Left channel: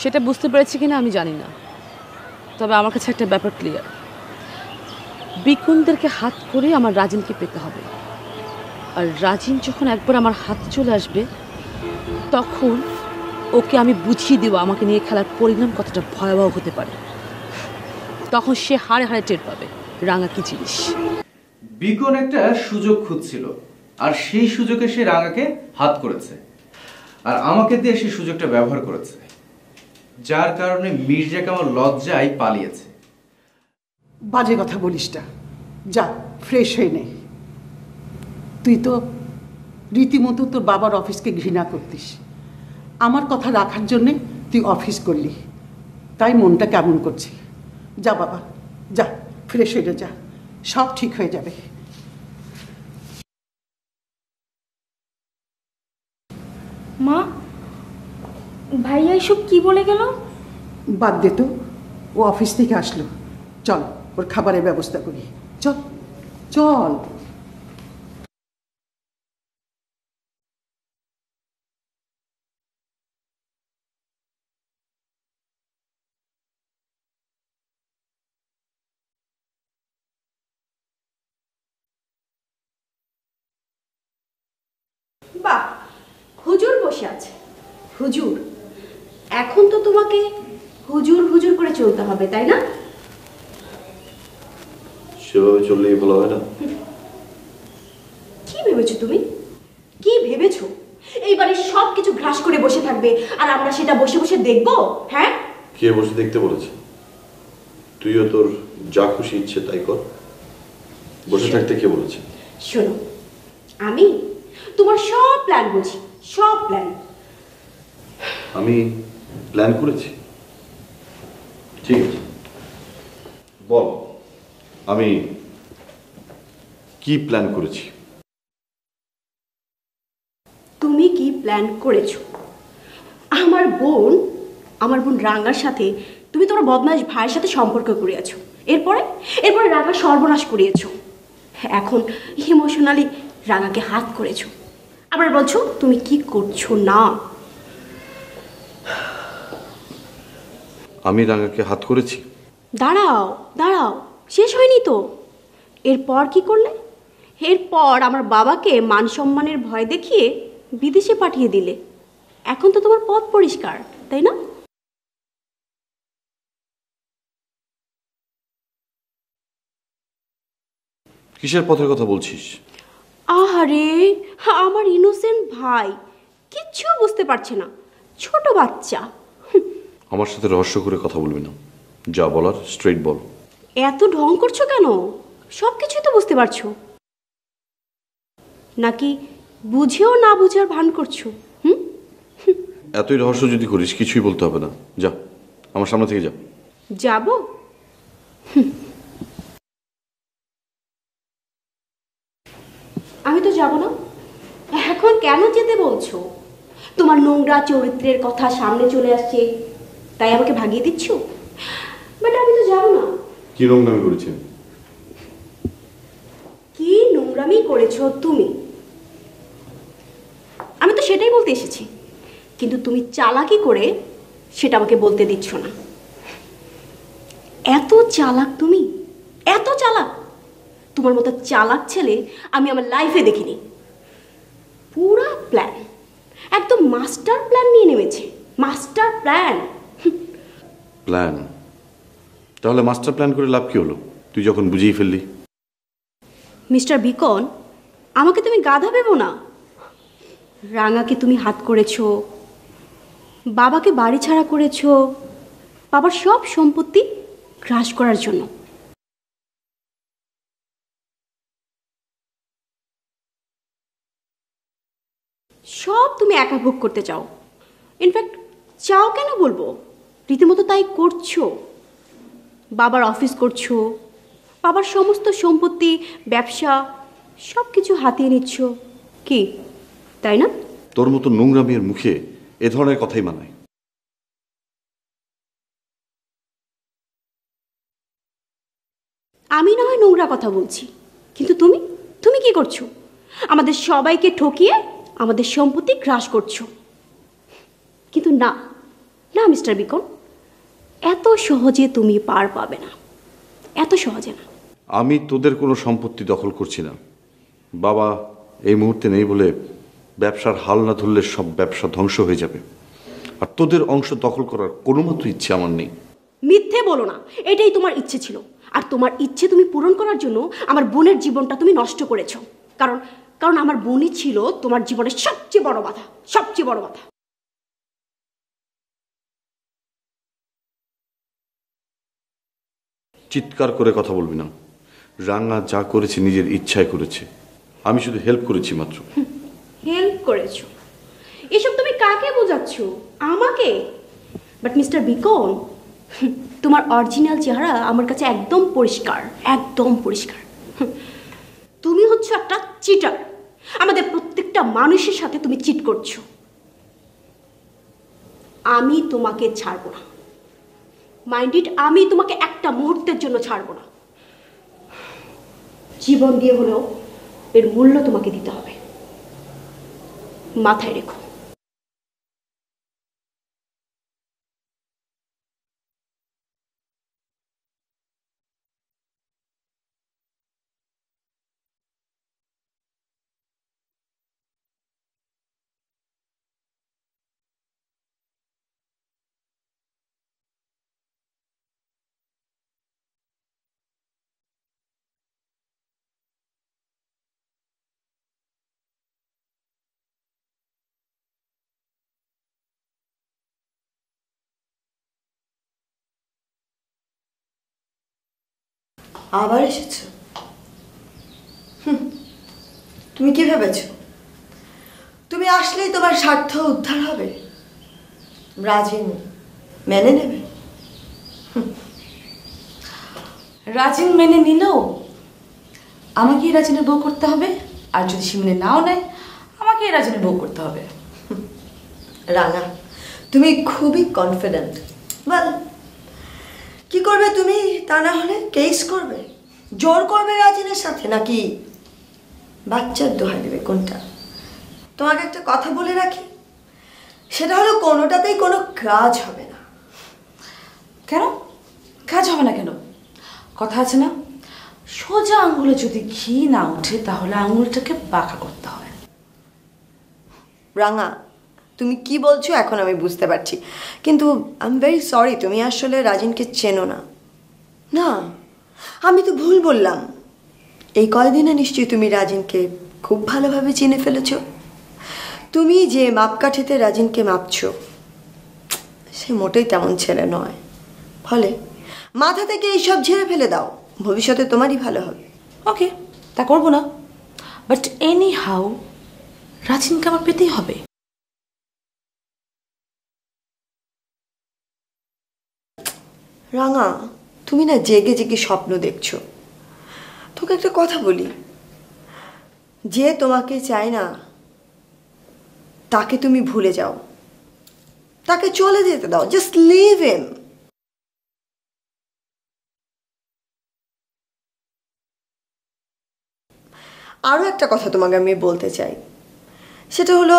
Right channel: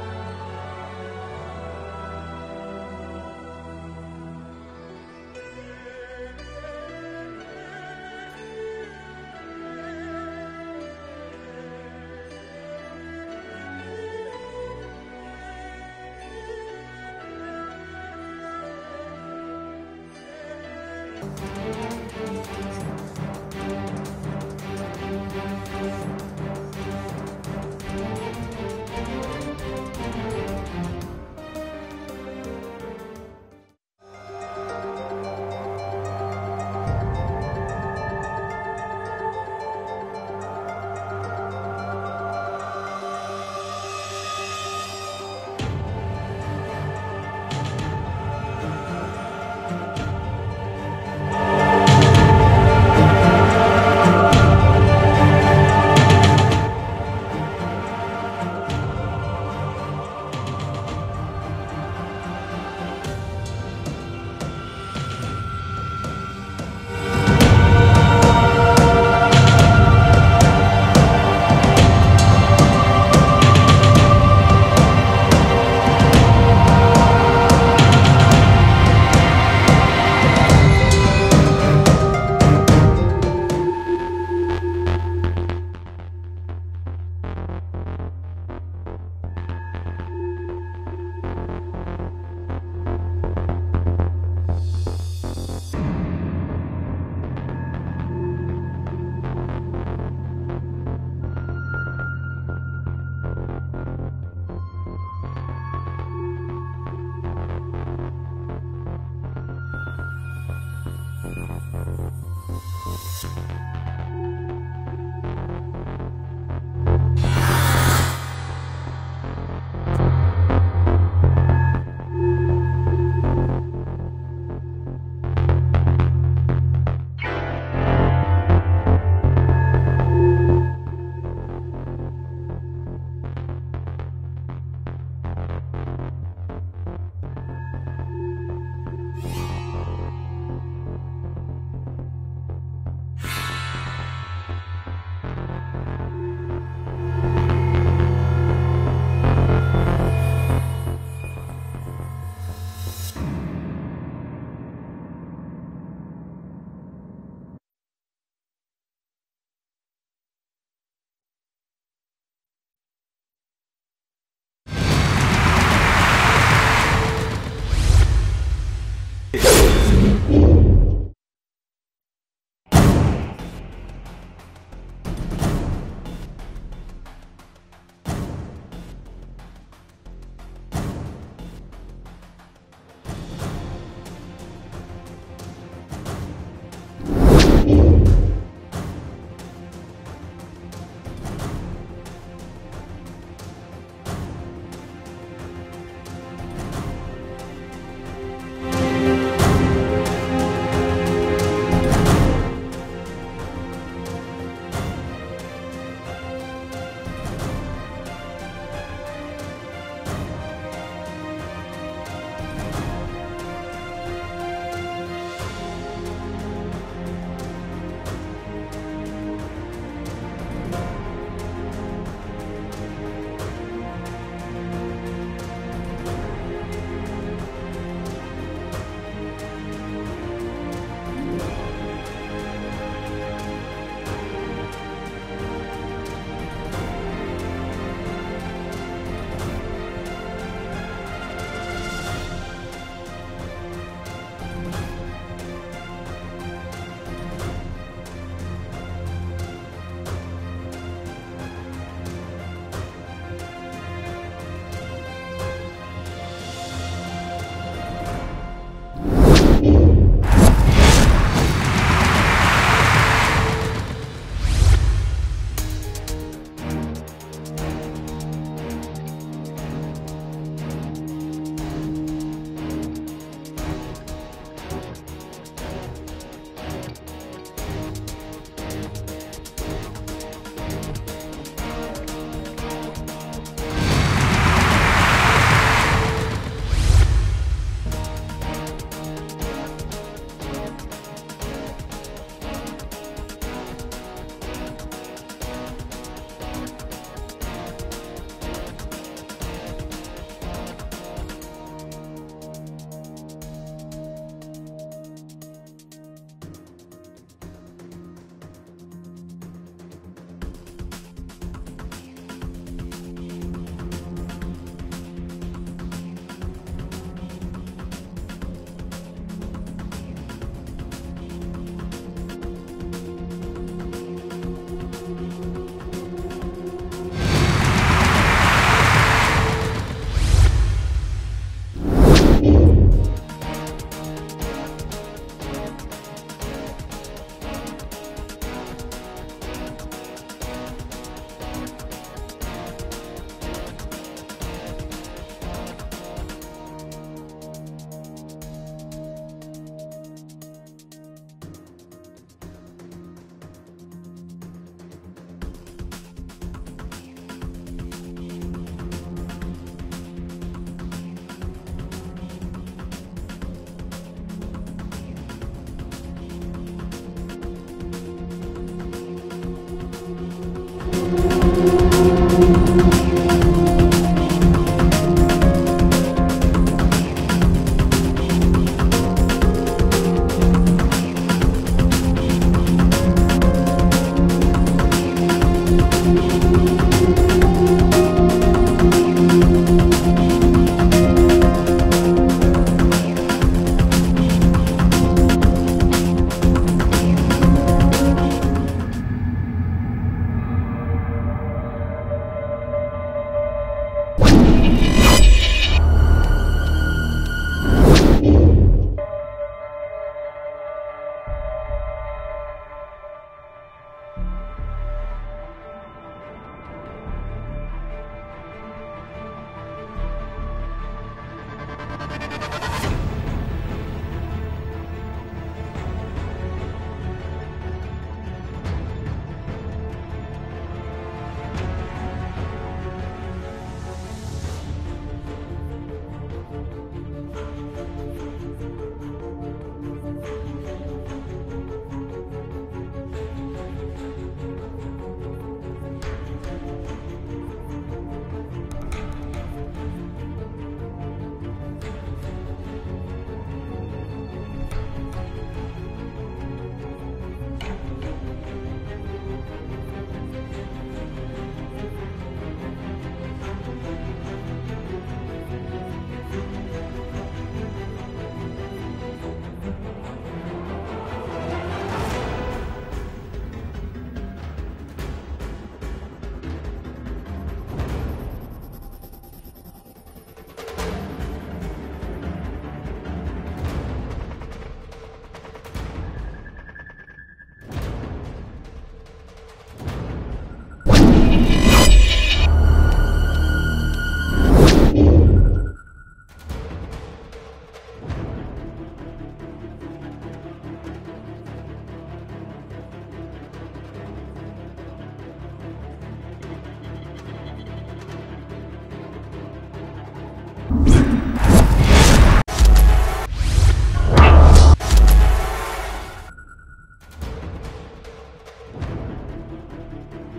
সেটা বুঝতে পেরেছি কিনা আমি জানি না, তবে আমার কাছে একটা ব্যাপার ক্লিয়ার, বিকুনদেরকে হাত করে আমার রাজিনকে পেতে হবে। আর রাজিন যখন একবার আমার হাতে চলে আসবে তখন ওকে আমি বুঝিয়ে দেবো আমাকে নিয়ে খেলার পরিণাম কতটা ভয়াবহ হতে পারে। তখন সে হাড়ে হাড়ে টের পাবে রাঙা কি জিনিস। বিকন একটা সুযোগ খুঁজছিল, আর সেই সুযোগে সে রাঙাকে হাত করেছে, আর আমাকে দিয়ে সেই সুযোগটা ব্যবহার করেছে, যার কারণে মির্জা কামাল লজ্জায় পালিয়েছে। বাজে কথা বলিস না, যা ফ্রেশ হয়ে নে। তুই তো রীতিমতো তোর বাবার অফিসকে ঘৃণা করতিস, আমার কথা রাখার জন্যে তুই অফিস করলি, তাই মনটা কেমন করছে। যা বাবা, যা ফ্রেশ হয়ে যা, সব ঠিক হয়ে যাবে। মা, ভাইয়া এসব কি বলে গেল? বাদ দে তো, ও অফিস থেকে আসলো, চল ওর খাবারের ব্যবস্থা করি, চল চল। হুজুর বসে আছে। হুজুর, এখন তো তোমাকে হুজুর হুজুর করে চলতে হবে, তাই না? সেভাবে চললেই ভালো হয় না? কি ভেবেছো তুমি? কি ভেবেছো এইবারে সবকিছু গ্রাস করে বসে থাকবে আর আমরা সেটা বসে বসে দেখবো? হ্যাঁ, কে বসে দেখতে বলেছে? তুইও তোর যা খুশি ইচ্ছে তাই কর, বসে থাকতে কে বলেছে? শোনো, আমি তোমার সব প্ল্যান বুঝি, সব প্ল্যান। আমি প্ল্যান করেছি? ঠিক আছে, বল আমি কি প্ল্যান করেছি? তুমি কি প্ল্যান করেছো? আমার বোন রাঙার সাথে তুমি তোমার বদমাশ ভাইয়ের সাথে সম্পর্ক করিয়েছো, এরপরে রাঙা সর্বনাশ করিয়েছো, এখন ইমোশনালি রাঙাকে হাত করেছো, আবার বলছো তুমি কি করছো না। আমি রাঙাকে হাত করেছি? দাঁড়াও দাঁড়াও, শেষ হয়নি তো। এরপর কি করলে? এরপর আমার বাবাকে মান সম্মানের ভয় দেখিয়ে বিদেশে পাঠিয়ে দিলে। এখন তো তোমার পথ পরিষ্কার, তাই না? কিসের পথের কথা বলছিস? আহারে, আমার ইনোসেন্ট ভাই কিচ্ছু বুঝতে পারছে না, ছোট বাচ্চা। আমার সাথে রহস্য করে কথা বলবি না, যা বলার স্ট্রেট বল। এত ঢং করছো কেন? সব কিছুই তো বুঝতে পারছো, নাকি বুঝেও না বুঝার ভান করছো? এতই রহস্য যদি করিস কিছুই বলতে হবে না, যা আমার সামনে থেকে যা। যাবো? আমি তো যাব না। এখন কেন যেতে বলছো? তোমার নোংরা চরিত্রের কথা সামনে চলে আসছে, তাই আমাকে ভাগিয়ে দিচ্ছ? বাট আমি তো যাব না। কি নোংরামি করেছি? কি নোংরামি করেছো তুমি? আমি তো সেটাই বলতে এসেছি, কিন্তু তুমি চালাকি করে সেটা আমাকে বলতে দিচ্ছ না। এত চালাক তুমি, এত চালাক! তোমার মতো চালাক ছেলে আমি আমার লাইফে দেখিনি। পুরা প্ল্যান, একদম মাস্টার প্ল্যান নিয়ে নেমেছে, মাস্টার প্ল্যান। প্ল্যান? তাহলে মাস্টার প্ল্যান করে লাভ কি হলো, তুই যখন বুঝিয়ে ফেললি? মিস্টার বিকন, আমাকে তুমি গাধা ভেবো না। রাঙাকে তুমি হাত করেছো, বাবাকে বাড়ি ছাড়া করেছো, বাবার সব সম্পত্তি গ্রাস করার জন্য। সব তুমি একা ভোগ করতে চাও। ইনফ্যাক্ট চাও কেন বলবো, রীতিমতো তাই করছো। বাবার অফিস করছো, বাবার সমস্ত সম্পত্তি, ব্যবসা সব কিছু হাতিয়ে নিচ্ছ, কি তাই না? তোর মতো নোংরা মেয়ের মুখে এ ধরনের কথাই মানে? আমি না হয় নোংরা কথা বলছি, কিন্তু তুমি তুমি কি করছো? আমাদের সবাইকে ঠকিয়ে আমাদের সম্পত্তি গ্রাস করছো। কিন্তু না না মিস্টার বিকম, এত সহজে তুমি পার পাবে না, এত সহজে না। আমি তোদের কোনো সম্পত্তি দখল করছি না। বাবা এই মুহূর্তে নেই বলে ব্যবসার হাল না ধরলে সব ব্যবসা ধ্বংস হয়ে যাবে। আর তোদের অংশ দখল করার কোনো মাত্র ইচ্ছে আমার নেই। মিথ্যে বলো না, এটাই তোমার ইচ্ছে ছিল। আর তোমার ইচ্ছে তুমি পূরণ করার জন্য আমার বোনের জীবনটা তুমি নষ্ট করেছো। কারণ কারণ আমার বোনই ছিল তোমার জীবনের সবচেয়ে বড় বাধা, সবচেয়ে বড় বাধা। চিৎকার করে কথা বলবি না। রান্না যা করেছে নিজের ইচ্ছায় করেছে, আমি শুধু হেল্প করেছি মাত্র। হেল্প করেছো? এসব তুমি কাকে বোঝাচ্ছ? আমাকে? বাট মিস্টার বিকম, তোমার অরিজিনাল চেহারা আমার কাছে একদম পরিষ্কার, একদম পরিষ্কার। তুমি হচ্ছে একটা চিটার। আমাদের প্রত্যেকটা মানুষের সাথে তুমি চিট করছো। আমি তোমাকে ছাড়বো না, মাইন্ড ইট, আমি তোমাকে একটা মুহূর্তের জন্য ছাড়বো না। জীবন দিয়ে হলেও এর মূল্য তোমাকে দিতে হবে, মাথায় রেখো। আবার এসেছো? তুমি কি ভেবেছো তুমি আসলেই তোমার স্বার্থ উদ্ধার হবে? রাজিন মেনে নেবে? রাজিন মেনে নিলেও আমাকে রাজিনের বউ করতে হবে, আর যদি সে মেনে নাও নেয় আমাকে রাজিনের বউ করতে হবে। রানা, তুমি খুবই কনফিডেন্ট। বল কি করবে তুমি? তা না হলে কেস করবে, জোর করবে রাজিনের সাথে, নাকি বাচ্চার দোহাই দেবে? কোনটা? তোমাকে একটা কথা বলে রাখি, সেটা হলো কোনোটাতেই কোনো কাজ হবে না। কেন কাজ হবে না? কেন? কথা আছে না, সোজা আঙুলে যদি ঘি না ওঠে তাহলে আঙুলটাকে বাঁকা করতে হবে। রাঙা, তুমি কি বলছো এখন আমি বুঝতে পারছি, কিন্তু আই এম ভেরি সরি, তুমি আসলে রাজিনকে চেনো না। না, আমি তো ভুল বললাম। এই কয়দিনে নিশ্চয়ই তুমি রাজিনকে খুব ভালোভাবে চিনে ফেলেছ। তুমি যে মাপকাঠিতে রাজিনকে মাপছো, সে মোটেই তেমন ছেলে নয়। ফলে মাথা থেকে এইসব ঝেড়ে ফেলে দাও, ভবিষ্যতে তোমারই ভালো হবে। ওকে, তা করবো না, বাট এনি হাউ রাজিনকে আমার পেতেই হবে। রাঙা, তুমি না জেগে জেগে স্বপ্ন দেখছো। তোকে একটা কথা বলি, যে তোমাকে চায় না তাকে তুমি ভুলে যাও, তাকে চলে যেতে দাও, জাস্ট লিভ হিম। আরো একটা কথা তোমাকে আমি বলতে চাই, সেটা হলো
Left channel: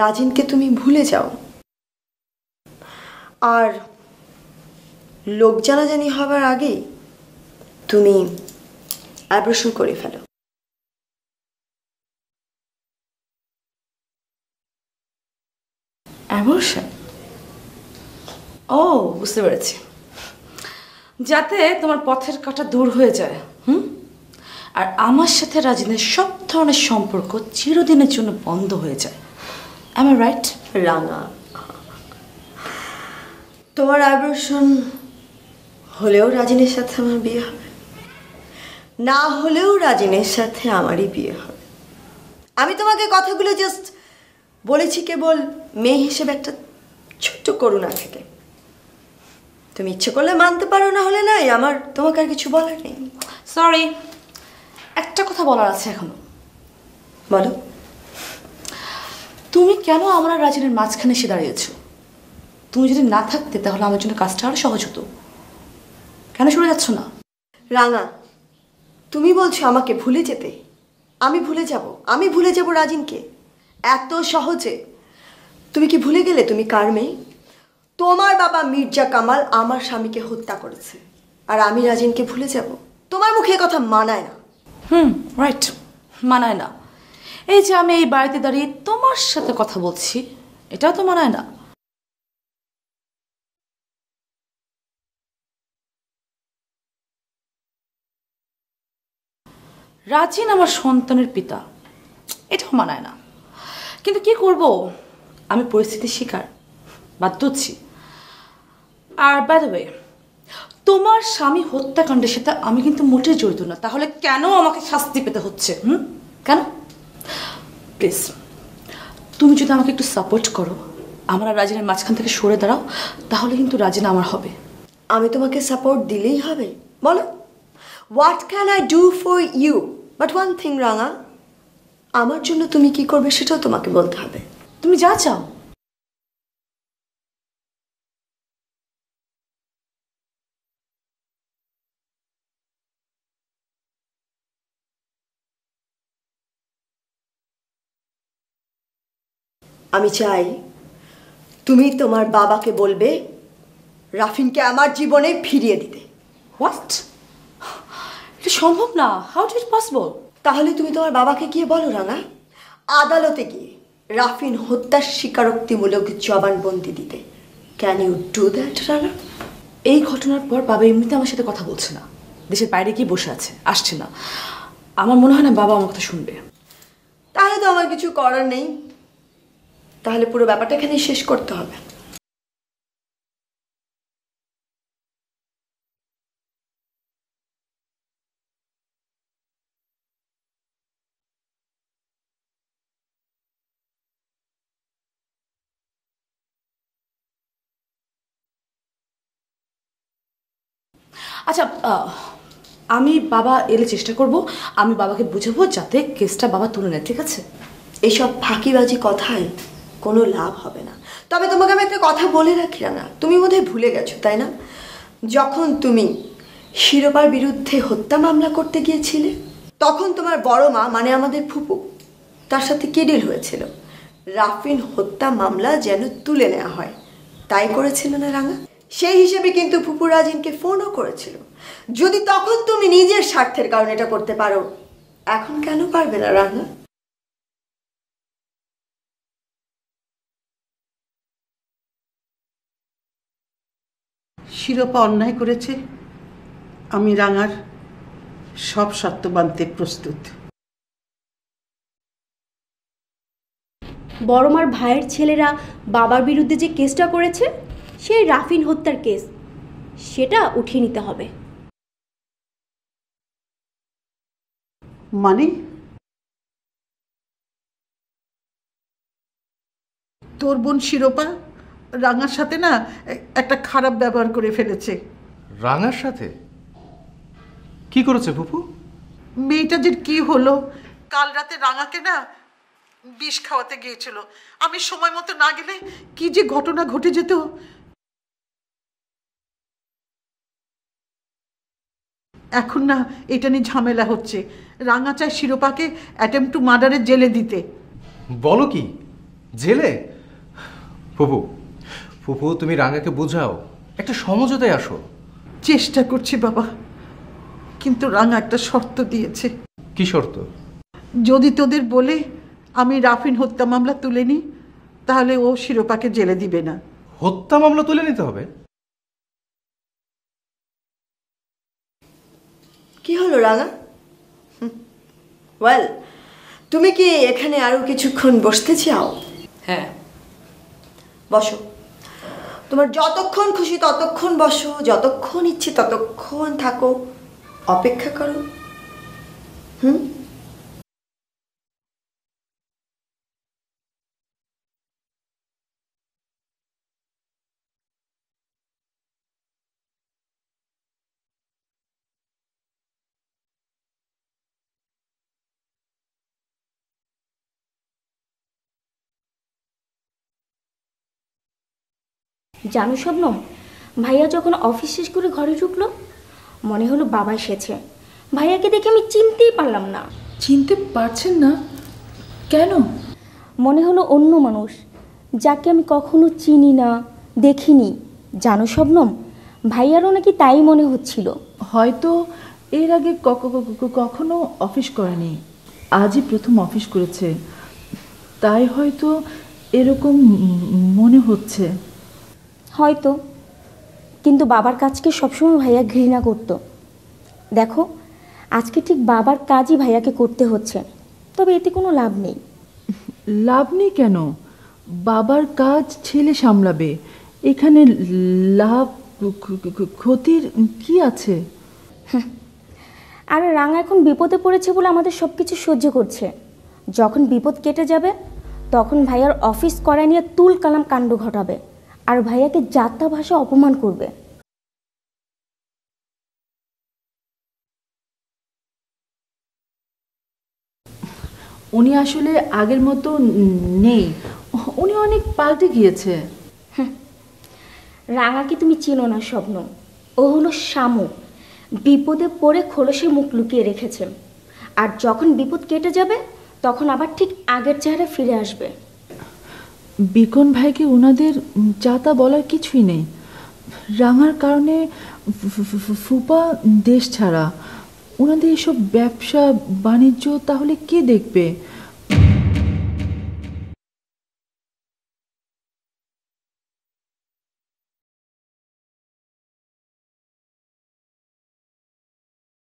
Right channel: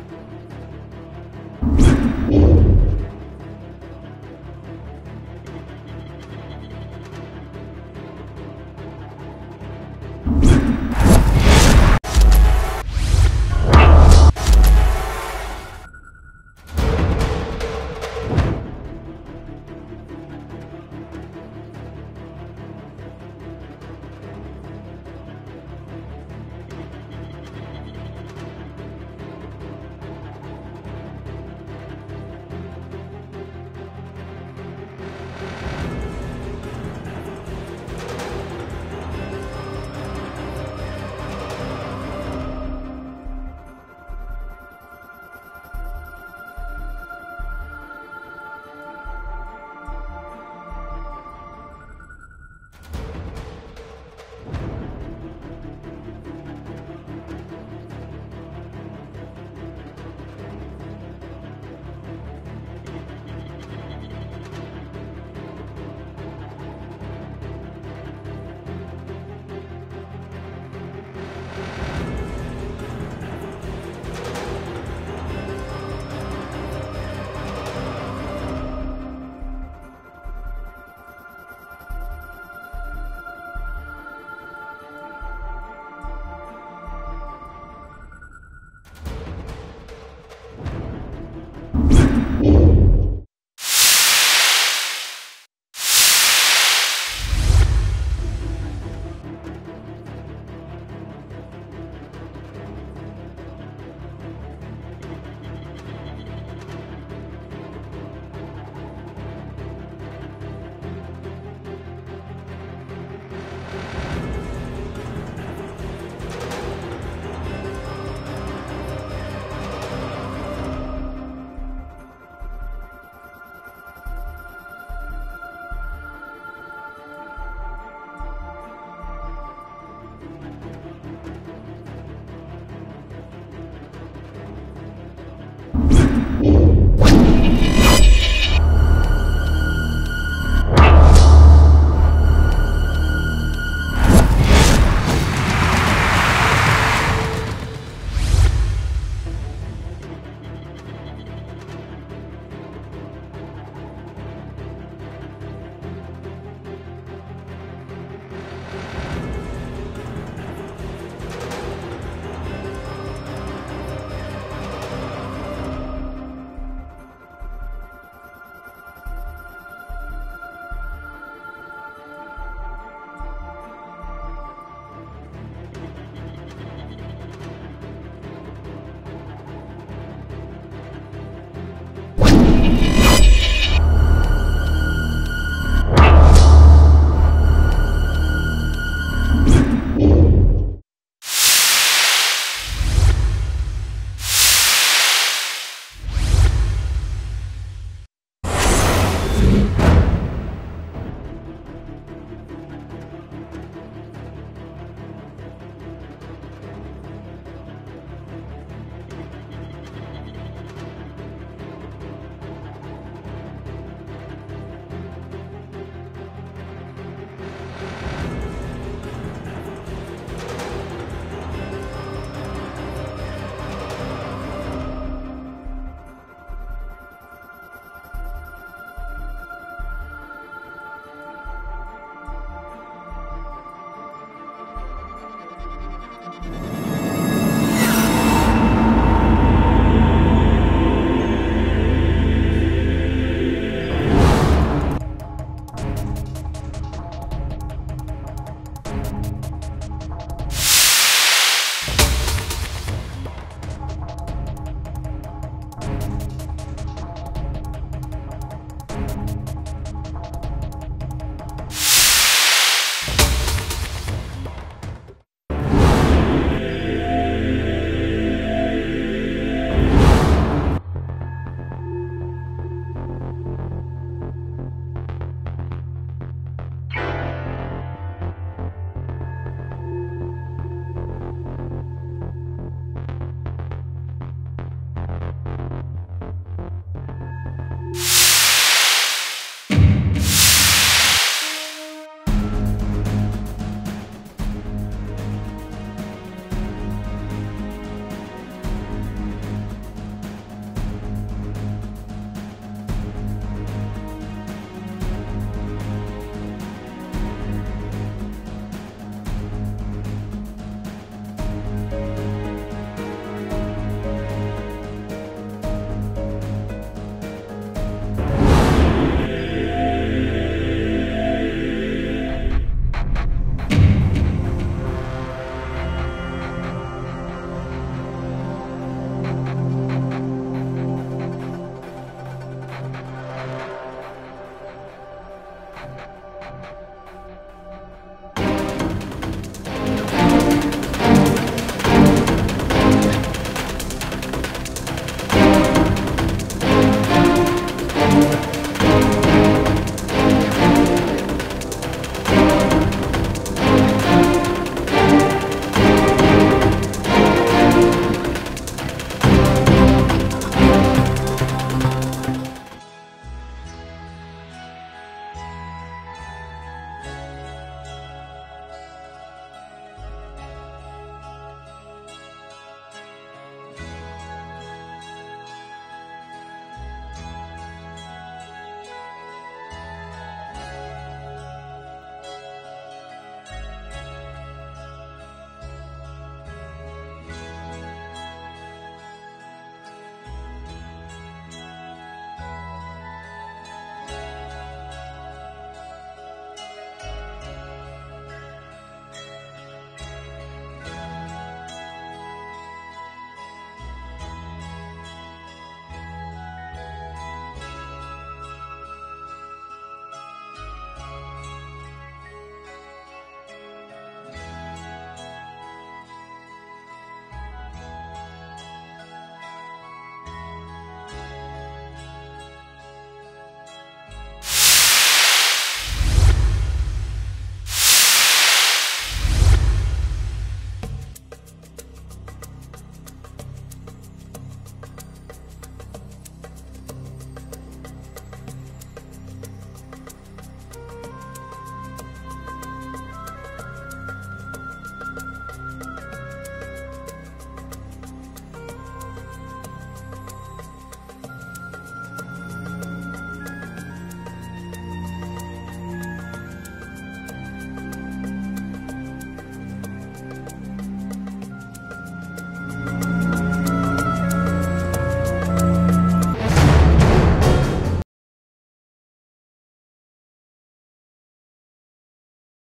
রাজিনকে তুমি ভুলে যাও, আর লোক জানাজানি হবার আগে তুমি অ্যাবর্শন করে ফেলো। অ্যাবর্শন? ও, বুঝতে পেরেছি, যাতে তোমার পথের কাঁটা দূর হয়ে যায়। আর আমার সাথে রাজিনের সব ধরনের সম্পর্ক চিরদিনের জন্য বন্ধ হয়ে যায়। Am I right? রাঙা, তোমার অ্যাবর্শন হলেও রাজিনের সাথে আমার বিয়ে হবে, না হলেও রাজিনের সাথে আমারই বিয়ে হবে। আমি তোমাকে কথাগুলো জাস্ট বলেছি কেবল মেয়ে হিসেবে একটা ছোট্ট করুণা থেকে। তুমি ইচ্ছে করলে মানতে পারো, না হলে নাই, আমার তোমাকে আর কিছু বলার নেই। সরি, একটা কথা বলার আছে এখন। বলো। তুমি কেন আমার আর রাজিনের মাঝখানে এসে দাঁড়িয়েছো? তুমি যদি না থাকতে তাহলে আমার জন্য কাজটা আরো সহজ হতো। কেন সরে যাচ্ছ না? রাঙা, তুমি বলছো আমাকে ভুলে যেতে? আমি ভুলে যাব? আমি ভুলে যাব রাজিনকে এত সহজে? তুমি কি ভুলে গেলে তুমি কার মেয়ে? তোমার বাবা মির্জা কামাল আমার স্বামীকে হত্যা করেছে, আর আমি রাজিনকে ভুলে যাব? তোমার মুখে কথা মানায় না। রাইট, মানায় না। এই যে আমি এই বাড়িতে দাঁড়িয়ে তোমার সাথে কথা বলছি, এটাও তো মানায় না। রাজিন আমার সন্তানের পিতা, এটাও মানায় না। কিন্তু কি করব, আমি পরিস্থিতির শিকার, বাধ্য হচ্ছি। আর বাই দ্য ওয়ে, তোমার স্বামী হত্যাকাণ্ডের সাথে আমি কিন্তু মোটেই জড়িত না, তাহলে কেন আমাকে শাস্তি পেতে হচ্ছে? কেন? প্লিজ তুমি যদি আমাকে একটু সাপোর্ট করো, আমার আর রাজিনের মাঝখান থেকে সরে দাঁড়াও, তাহলে কিন্তু রাজিনা আমার হবে। আমি তোমাকে সাপোর্ট দিলেই হবে? বলো, what can I do for you? But one thing Ranga, আমার জন্য তুমি কি করবে সেটাও তোমাকে বলতে হবে। তুমি যা চাও। আমি চাই তুমি তোমার বাবাকে বলবে রাফিনকে আমার জীবনে ফিরিয়ে দিতে। হোয়াট? এটা সম্ভব না। How is it possible? তাহলে তুমি তোমার বাবাকে গিয়ে বলো রাঙা, আদালতে কি রাফিন হত্যার স্বীকারোক্তিমূলক জবানবন্দি দিতে। ক্যান ইউ ডু দ্যাট রাঙা? এই ঘটনার পর বাবা এমনিতে আমার সাথে কথা বলছে না, দেশের বাইরে গিয়ে বসে আছে, আসছে না। আমার মনে হয় না বাবা আমার কথা শুনবে। তাহলে তো আমার কিছু করার নেই, তাহলে পুরো ব্যাপারটা এখানে শেষ করতে হবে। আচ্ছা, আমি বাবা এলে চেষ্টা করব, আমি বাবাকে বুঝাবো যাতে কেসটা বাবা তুলে নেয়, ঠিক আছে? এসব ফাঁকিবাজি কথায় কোনো লাভ হবে না। তবে তোমাকে আমি একটা কথা বলে রাখি না, তুমি বোধহয় ভুলে গেছো তাই না? যখন তুমি শিরোপার বিরুদ্ধে হত্যা মামলা করতে গিয়েছিলে, তখন তোমার বড় মা মানে আমাদের ফুপু, তার সাথে কি ডিল হয়েছিল? রাফিন হত্যা মামলা যেন তুলে নেওয়া হয়, তাই করেছিল না রাঙা? সেই হিসেবে কিন্তু ফুপু রাজিনকে ফোনও করেছিল। যদি তখন তুমি নিজের স্বার্থের কারণে এটা করতে পারো, এখন কেন পারবে না রাঙা? শিরোপা অন্যায় করেছে, আমি রাঙার সব সত্য মানতে প্রস্তুত। বড়মার ভাইয়ের ছেলেরা বাবার বিরুদ্ধে যে কেসটা করেছে, সেই রাফিন হত্যার কেস, সেটা উঠিয়ে নিতে হবে। মানে তোর বোন শিরোপা রাঙার সাথে না একটা খারাপ ব্যবহার করে ফেলেছে। রাঙার সাথে কি করেছে ফুপু? মেয়েটা যে কি হলো, কাল রাতে রাঙাকে না বিষ খাওয়াতে গিয়েছিল। আমি সময় মতো না গেলে কি যে ঘটনা ঘটে যেত। এখন না এটা নিয়ে ঝামেলা হচ্ছে। রাঙা চায় শিরোপাকে অ্যাটেম্প টু মার্ডারের জেলে দিতে। বলো কি, জেলে? ফুপু ফুপু তুমি রাঙাকে বুঝাও, একটা সমঝোতায় আসো। চেষ্টা করছি বাবা, কিন্তু রাঙা একটা শর্ত দিয়েছে। কি শর্ত? যদি তোদের বলে আমি রাফিন হত্যা মামলা তুলে নিই, তাহলে ও শিরোপাকে জেলে দিবে না। হত্যা মামলা তুলে নিতে হবে? কি হলো রাঙা? ওয়েল, তুমি কি এখানে আরো কিছুক্ষণ বসতে চাও? হ্যাঁ, বসো। তোমার যতক্ষণ খুশি ততক্ষণ বসো, যতক্ষণ ইচ্ছে ততক্ষণ থাকো, অপেক্ষা করো। জানো শবনম, ভাইয়া যখন অফিস শেষ করে ঘরে ঢুকলো, মনে হলো বাবা এসেছে। ভাইয়াকে দেখে আমি চিনতেই পারলাম না। চিনতে পারছেন না কেন? মনে হলো অন্য মানুষ, যাকে আমি কখনো চিনি না, দেখিনি। জানো শবনম, ভাইয়ারও নাকি তাই মনে হচ্ছিল। হয়তো এর আগে কখনো অফিস করেনি, আজই প্রথম অফিস করেছে, তাই হয়তো এরকম মনে হচ্ছে। হয়তো, কিন্তু বাবার কাজকে সবসময় ভাইয়া ঘৃণা করতো। দেখো, আজকে ঠিক বাবার কাজই ভাইয়াকে করতে হচ্ছে, তবে এতে কোনো লাভ নেই। লাভ নেই কেন? বাবার কাজ ছেলে সামলাবে, এখানে লাভ ক্ষতির কি আছে? আর রাঙা এখন বিপদে পড়েছে বলে আমাদের সব কিছু সহ্য করছে। যখন বিপদ কেটে যাবে তখন ভাইয়ার অফিস করা নিয়ে তুল কালাম কাণ্ড ঘটাবে, আর ভাইয়াকে যাত্রা ভাষা অপমান করবে। উনি আসলে আগের মতো নেই, উনি অনেক পাল্টে গিয়েছে। রাঙাকে তুমি চিনো না শবনম, ও হলো শামু। বিপদে পড়ে খোলসে মুখ লুকিয়ে রেখেছে, আর যখন বিপদ কেটে যাবে তখন আবার ঠিক আগের চেহারা ফিরে আসবে। বিকন ভাইকে ওনাদের যাতা বলার কিছুই নেই। রাঙার কারণে ফুপা দেশ ছাড়া, ওনাদের এসব ব্যবসা বাণিজ্য তাহলে কে দেখবে?